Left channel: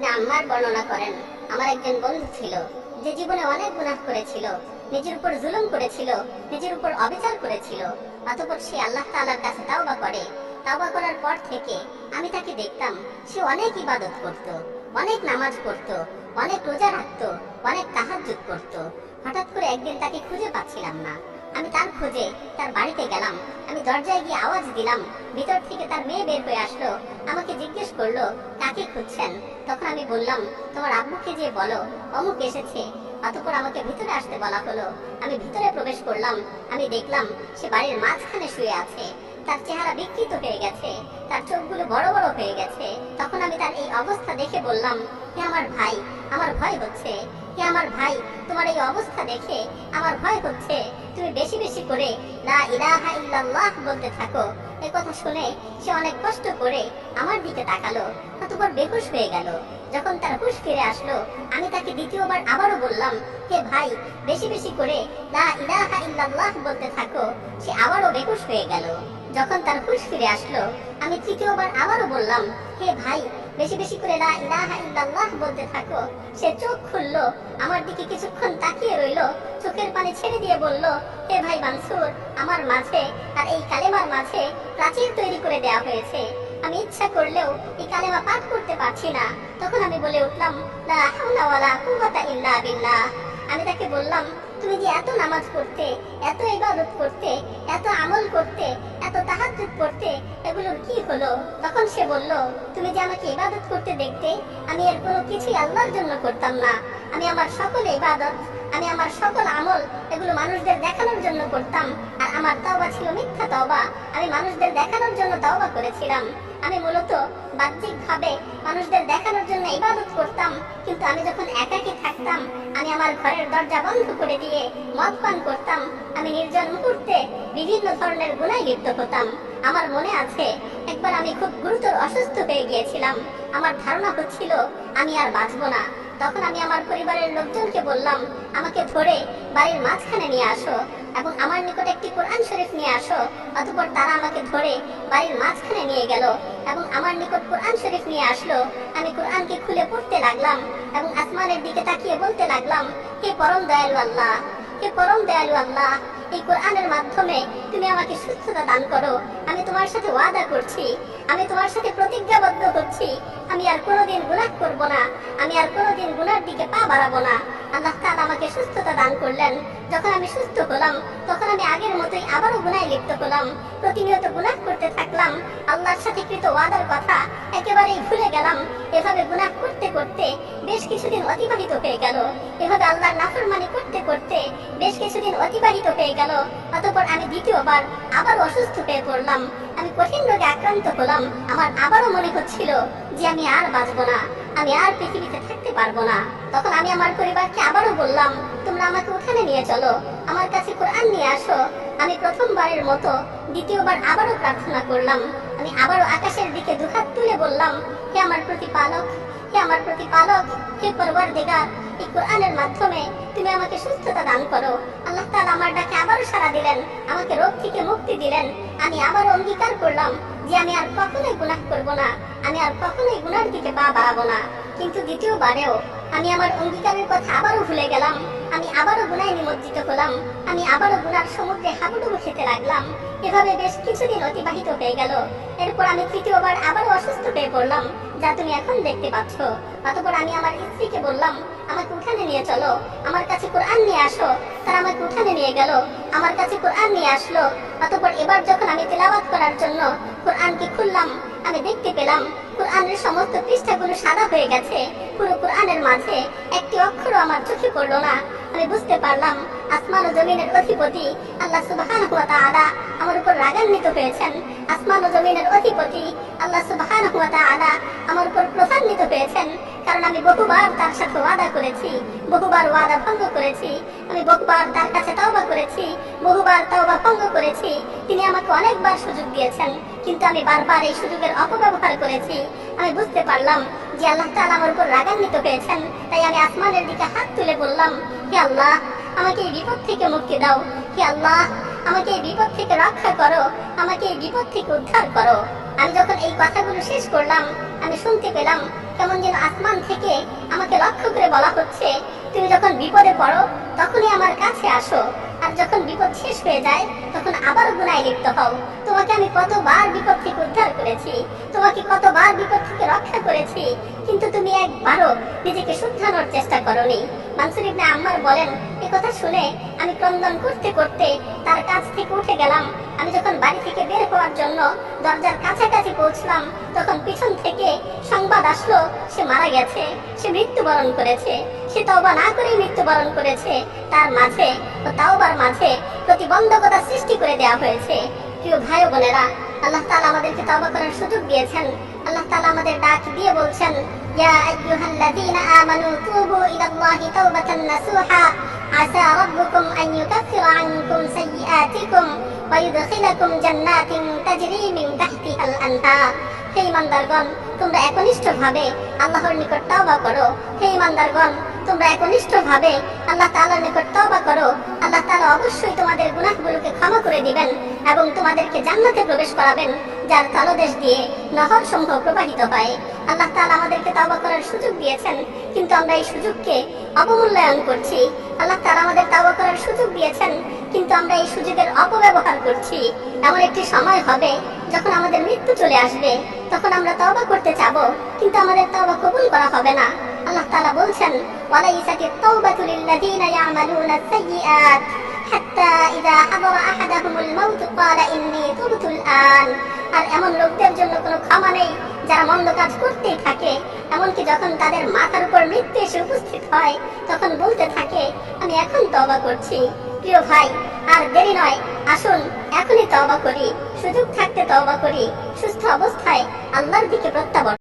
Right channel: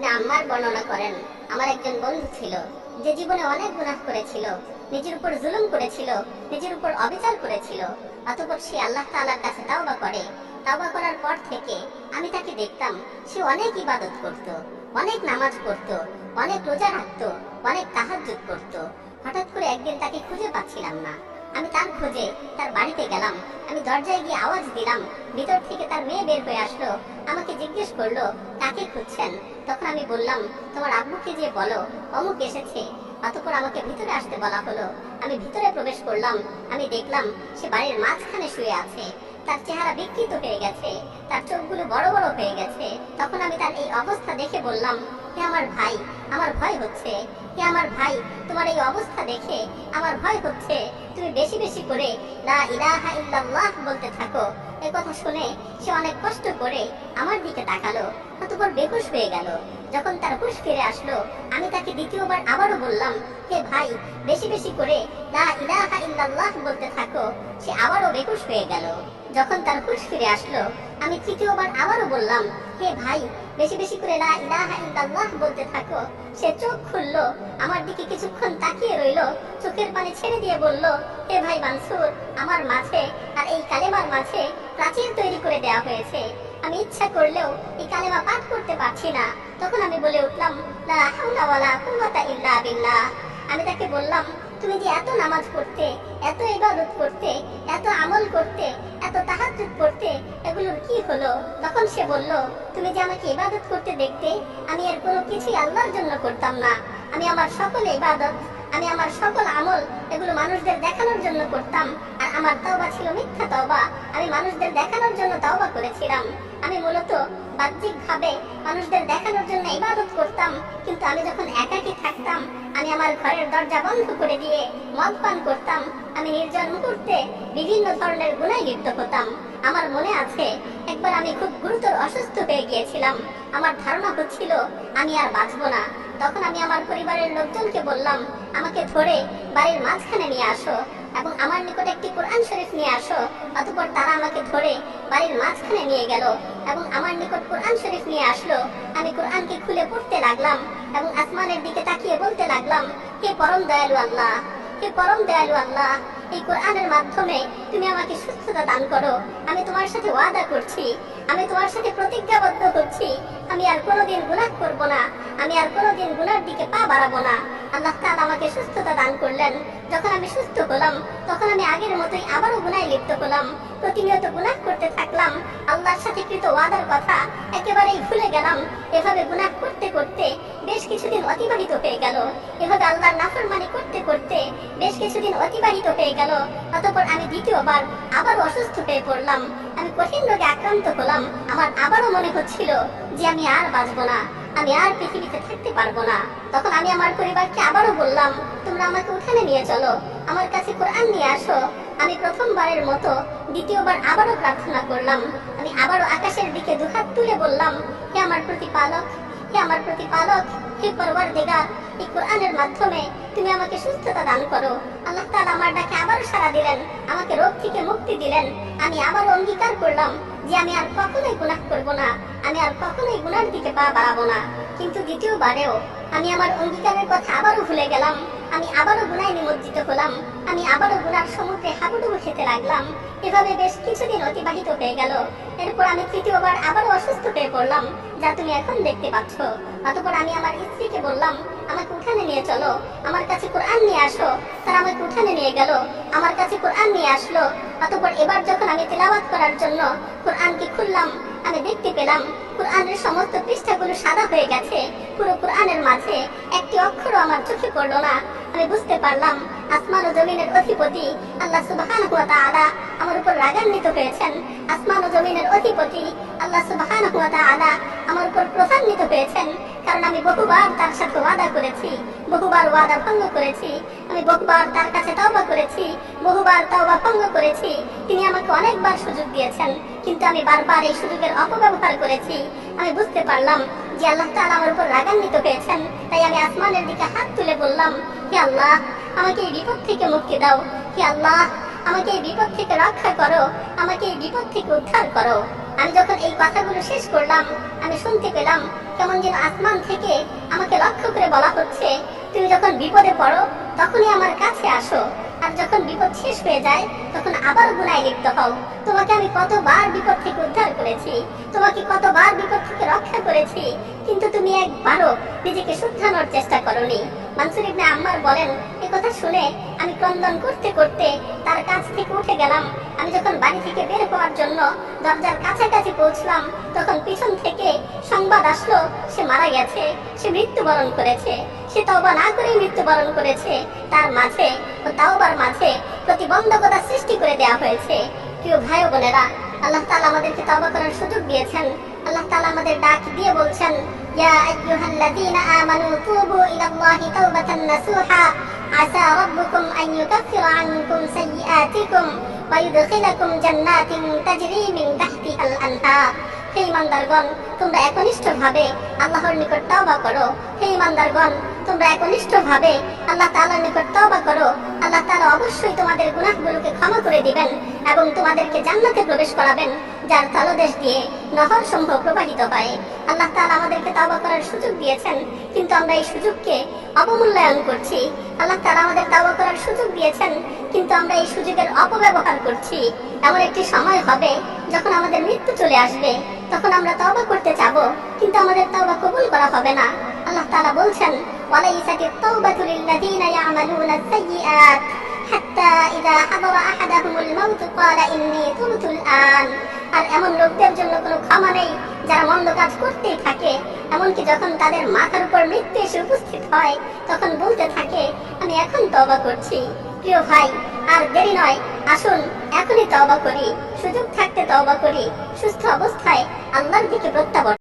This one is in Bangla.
ইবনে আম্মার বর্ণনা করেন, আমার একজন বন্ধু ছিল যে জীবনে অনেক গুনাহ করেছিল, নিজের উপর জুলুম করেছিল, নিজের উপর অবিচার করেছিল। অতঃপর সে আল্লাহ তাআলার কাছে তাওবা করে। তাওবা করার পর থেকে আমি তাকে দেখতাম সে অনেক ইবাদত করত, অনেক নামাজ পড়তো, অনেক রোজা রাখতো, অনেক তাহাজ্জুদ করতো। হঠাৎ করে একদিন তাকে খুঁজে পাচ্ছিলাম না। আমি তার খোঁজে তার বাড়িতে গেলাম। আমি দরজায় গিয়ে আওয়াজ দিলাম, ভিতর থেকে তার মেয়ে বের হয়ে আসলো। আমাকে জিজ্ঞেস করলো, কাকে খুঁজছেন? তখন আমি বললাম, তোমার আব্বুকে যে বলো অমুক এসেছে। অতঃপর আমাকে ভিতরে আসতে বলা হলো। আমি ভিতরে প্রবেশ করলাম। আমি দেখলাম সে বাড়ির মাঝখানে শুয়ে আছে। তার চেহারা বিকৃত হয়ে গেছে, তার চোখগুলো বড় বড় হয়ে গেছে। তখন আমি তার এই অবস্থা দেখে বললাম, হে আমার ভাই, আমার ভয় হচ্ছে। হে আমার ভাই, তোমার এই অবস্থা দেখে আমার ভয় হচ্ছে। তুমি বেশি বেশি করে লা ইলাহা ইল্লাল্লাহ বলতে থাকো। এই কথা শুনে সে অনেক কষ্ট করে আমার দিকে তাকালো, অতঃপর বেহুশ হয়ে গেল। যখন তার হুঁশ ফিরে আসলো, আমি তাকে দ্বিতীয়বার আবারও বললাম, হে ভাই, বেশি বেশি করে লা ইলাহা ইল্লাল্লাহ বলতে থাকো। সে আবারও বেহুশ হয়ে গেল। যখন তার হুঁশ ফিরে আসলো, আমি তৃতীয়বার আবারও বললাম, হে ভাই, বেশি বেশি করে লা ইলাহা ইল্লাল্লাহ বলতে থাকো। সে চোখ খুললো, আমার দিকে কিছুক্ষণ তাকিয়ে রইলো, চোখের পানি ছেড়ে দিয়ে বলল, হে ভাই মানসুর, আমার মাঝে আর এই কালেমার মাঝে প্রাচীর তৈরি করে দেওয়া হয়েছে। আমি ইচ্ছা করলেও এই কালেমা পাঠ করতে পারছি না। তখন আমি বলে উঠলাম, লা হাওলা ওয়ালা কুওয়াতা ইল্লা বিল্লাহ। আমি তাকে বললাম, তুমি যে এত নামাজ পড়তে, এত ইবাদত করতে, এত আমল করতে, এত তাহাজ্জুদ করতে, এগুলোর কি হলো? তখন সে বলল, তুমি যে আমাকে ইবাদত করতে দেখতে, আমি এর কোনো কিছুই আল্লাহর জন্য করতাম না। আমি আমার সকল ইবাদত, আমি আমার সকল আমল এগুলো মানুষদের দেখানোর জন্য করতাম। আর আমার তওবা ছিল মিথ্যা তওবা। আমি মানুষদের দেখানোর জন্য তওবা করেছিলাম। আমি মূলত বাহ্যিকভাবে মানুষদের দেখানোর জন্য ইবাদত করতাম, কিন্তু আমি যখন একাকী থাকতাম, আমি আমার ঘরের দরজা বন্ধ করে দিয়ে মদ পান করতাম। আমি নির্জন মুহূর্তে বিভিন্ন ধরনের গুনাহে লিপ্ত হতাম। আমার মনে আছে, একবার আমি খুব গুরুতর অসুস্থ হয়ে গিয়েছিলাম। আমার ধারণা হচ্ছিল আমি আর বাঁচব না। তখন আমি আমার পরিবারের লোকজনকে বললাম, আমাকে ধরে বাড়ির মাঝখানে নিয়ে আসো এবং আমার নিকট একটি কোরআন শরীফ নিয়ে আসো। অতঃপর তারা আমাকে ধরে বাড়ির মাঝখানে নিয়ে গেল এবং আমার নিকট কোরআন শরীফ নিয়ে আসলো। আমি কোরআনকে খুলে পড়তে লাগলাম এবং আসমানের দিকে তাকিয়ে বলতে লাগলাম, হে পরম দয়ালু আল্লাহ, হে পরম দয়ালু আল্লাহ, এই কোরআনের মাধ্যমে তুমি আমাকে সুস্থতা দান করো। আমি তোমার সাথে ওয়াদা করছি, আমি তোমার সাথে প্রতিজ্ঞাবদ্ধ হচ্ছি, আমি আর কোনোদিন গুনাহ করব না, আমি আর কোনোদিন গুনার দিকে পা বাড়াবো না। আল্লাহ তাআলা আমাকে সুস্থতা দান করলেন। যখন আমি সুস্থ হলাম, তখন আমি আগের মতোই আবারও গুনাহে লিপ্ত হলাম। প্রতিনিয়ত গুনাহ করতে থাকলাম। আল্লাহর সাথে কৃত ওয়াদার কথা একেবারেই ভুলে গেলাম। এভাবে গুনাহ করতে করতে বেশ কিছুদিন অতিবাহিত হয়ে গেল। এভাবে আল্লাহর নাফরমানি করতে করতে বেশ কিছুদিন অতিবাহিত হয়ে গেল। অতঃপর আমি দ্বিতীয়বার আবার অসুস্থ হয়ে পড়লাম। আমি কঠিন রোগে আক্রান্ত হলাম। আমার আবারও মনে হচ্ছিল যে আমি আর বাঁচবো না, আমি আর পৃথিবীতে থাকতে পারবো না। তখন আমি আমার পরিবারকে আবারও বললাম, তোমরা আমাকে উঠানে নিয়ে চলো, আমার কাছে কোরআন নিয়ে আসো। আমি প্রথমবারের মতো দ্বিতীয়বার আবারও প্রার্থনা করলাম। আমি আবারও আকাশের দিকে দুহাত তুলে বললাম, হে আমার প্রতিপালক, হে আমার প্রতিপালক, হে পরওয়ারদিগার, এই কোরআনের মাধ্যমে তুমি আমাকে সুস্থতা দান করো। আল্লাহ তাআলা আমার ডাকে আবারও সাড়া দিলেন, আমাকে রোগ থেকে মুক্তি দিলেন। আমি আবারও অঙ্গীকার করলাম যে আমি আর কখনোই গুনাহ করব না, আমি আর কখনোই গুনার দিকে পা বাড়াবো না। কিন্তু দ্বিতীয়বারেও আমি আমার অঙ্গীকারের কথা আবারও ভুলে গেলাম। আমি আবারও গুনাহে নিমজ্জিত হলাম। আমি আবারও গুনার সমুদ্রে হাবুডুবু খেতে লাগলাম। এভাবে বেশ কিছুদিন অতিবাহিত হয়ে গেল। এরপর আমি তৃতীয়বার আবারও অসুস্থ হয়ে পড়লাম, যা তুমি এখন দেখতে পাচ্ছ। অতঃপর আমি আমার স্ত্রীকে বললাম, আমাকে উঠানে নিয়ে চলো, আমার কাছে কোরআন নিয়ে আসো। তারা আমাকে উঠানে নিয়ে গেল, আমার কাছে কোরআন নিয়ে আসলো। অতঃপর এবার যখন আমি তেলাওয়াত করার জন্য কোরআনকে খুললাম, আমি দেখতে পেলাম কোরআনের সমস্ত পৃষ্ঠাগুলো সাদা হয়ে গেছে। পুরো কোরআনের মাঝে একটি অক্ষরও আমার চোখে পড়লো না। আমি বুঝতে পারলাম আসমান ও জমিনের অধিপতি আল্লাহ সুবহানাহু ওয়া তাআলা আমার উপর রাগান্বিত হয়েছেন। আসমান ও জমিনের অধিপতি আল্লাহ সুবহানাহু ওয়া তাআলা আমার উপর ক্রোধান্বিত হয়েছেন, কারণ আমি বহুবার তার সাথে ওয়াদা করেছি, বহুবার ওয়াদা ভঙ্গ করেছি। আমি বহুবার তার কাছে তওবা করেছি, বহুবার তওবা ভঙ্গ করেছি। তিনি আমাকে অনেকবার সুযোগ দিয়েছেন, কিন্তু আমি বারবার এই সুযোগের অপব্যবহার করেছি। আমি বুঝতে পারলাম যে আল্লাহ তাআলা আমার উপর রাগান্বিত হয়েছেন। তাই আমি আসমানের দিকে হাত তুলে বললাম, হে আল্লাহ, আমাকে এই বিপদ থেকে মুক্তি দাও। হে আল্লাহ, আমাকে এই বিপদ থেকে রক্ষা করো, আমাকে এই বিপদ থেকে উদ্ধার করো। আমি যখন এই কথাগুলো শেষ করলাম, আমি শুনতে পেলাম কেমন যেন আসমান থেকে আমাকে লক্ষ্য করে বলা হচ্ছে, তুমি যখন বিপদে পড়ো তখনই আমার কাছে আসো, আর যখন বিপদ শেষ হয়ে যায় তখন আবার গুনায় লিপ্ত হও। তোমাকে আমি কতবার বিপদ থেকে উদ্ধার করেছি, তোমাকে কতবার বিপদ থেকে রক্ষা করেছি, কিন্তু তুমি একবারও নিজেকে শুধরানোর চেষ্টা করনি। মানসুর ইবনে আম্মার বলেন, এই কথা শুনে আমি ক্রন্দন করতে করতে তার কাছ থেকে উঠে গেলাম। আমি যখন বাড়ি থেকে বের হওয়ার জন্য দরজার কাছাকাছি পৌঁছলাম, তখন পিছন থেকে সংবাদ আসলো সে মারা গেছে, সে মৃত্যুবরণ করেছে। সে তওবা না করেই মৃত্যুবরণ করেছে। তার মাঝে ও তাওবার মাঝে প্রতিবন্ধকতা সৃষ্টি করে দেওয়া হয়েছে। প্রিয় ভাই ও বোনেরা, আল্লাহ তাআলা আমাদেরকে তওবা করার সুযোগ দিয়েছেন। আল্লাহ তাআলা আমাদের ডাক দিয়ে বলছেন, ইয়া আইয়ুহাল্লাযীনা আমানু তুবু ইলাল্লাহি তাওবাতান নাসুহা আসা রাব্বুকুম আন ইউকাফিরা আনকুম সাইয়্যাতিকুম ওয়া ইউদখিলাকুম জান্নাতিন তাজরি মিন তাহতিহাল আনহার। হে ঈমানদারগণ, তোমরা একনিষ্ঠভাবে আল্লাহর নিকট তওবা করো। হে ঈমানদারগণ, তোমরা একনিষ্ঠভাবে আল্লাহ তাআলার নিকট তওবা করো। আল্লাহ তাআলা অবশ্যই তোমাদের গুনাহগুলোকে ক্ষমা করে দিবেন এবং তোমাদেরকে জান্নাতে প্রবেশ করাবেন, যার তলদেশ দিয়ে নহর সমূহ প্রবাহিত হয়। আল্লাহ তাআলা আমাদেরকে তওবা করার সুযোগ দিয়েছেন, কিন্তু আমরা এই সুযোগকে অবমূল্যায়ন করছি। আল্লাহ তাআলা আমাদের তওবা করার সুযোগ দিয়েছেন, কিন্তু আমরা এই সুযোগের অপব্যবহার করছি। এমন একটি সময় হবে যখন আমাদের মৃত্যু চলে আসবে, তখন আমরা তওবা করতে চাবো, কিন্তু আমাদের তওবা কবুল করা হবে না। আল্লাহ তাআলা বলছেন, ওয়ালাইসাতিত তাওবাতু লিল্লাযীনা ইয়ামালুনাস সাইয়্যাত হাত্তা ইযা হাদারা আহাদাহুমুল মাউতু ক্বালা ইন্নী তুবতুল আন। আর এমন লোকদের জন্য কোনো ক্ষমা নেই যারা মন্দ কাজ করতেই থাকে, এমনকি যখন তাদের মাথার উপর মৃত্যু এসে উপস্থিত হয় তখন বলতে থাকে, আমি এখন তওবা করছি। প্রিয় ভাই, আর দেরি নয়, আসুন এখনই তওবা করি, সুযোগ থাকতে তওবা করি, সুস্থ অবস্থায় আল্লাহর দিকে প্রত্যাবর্তন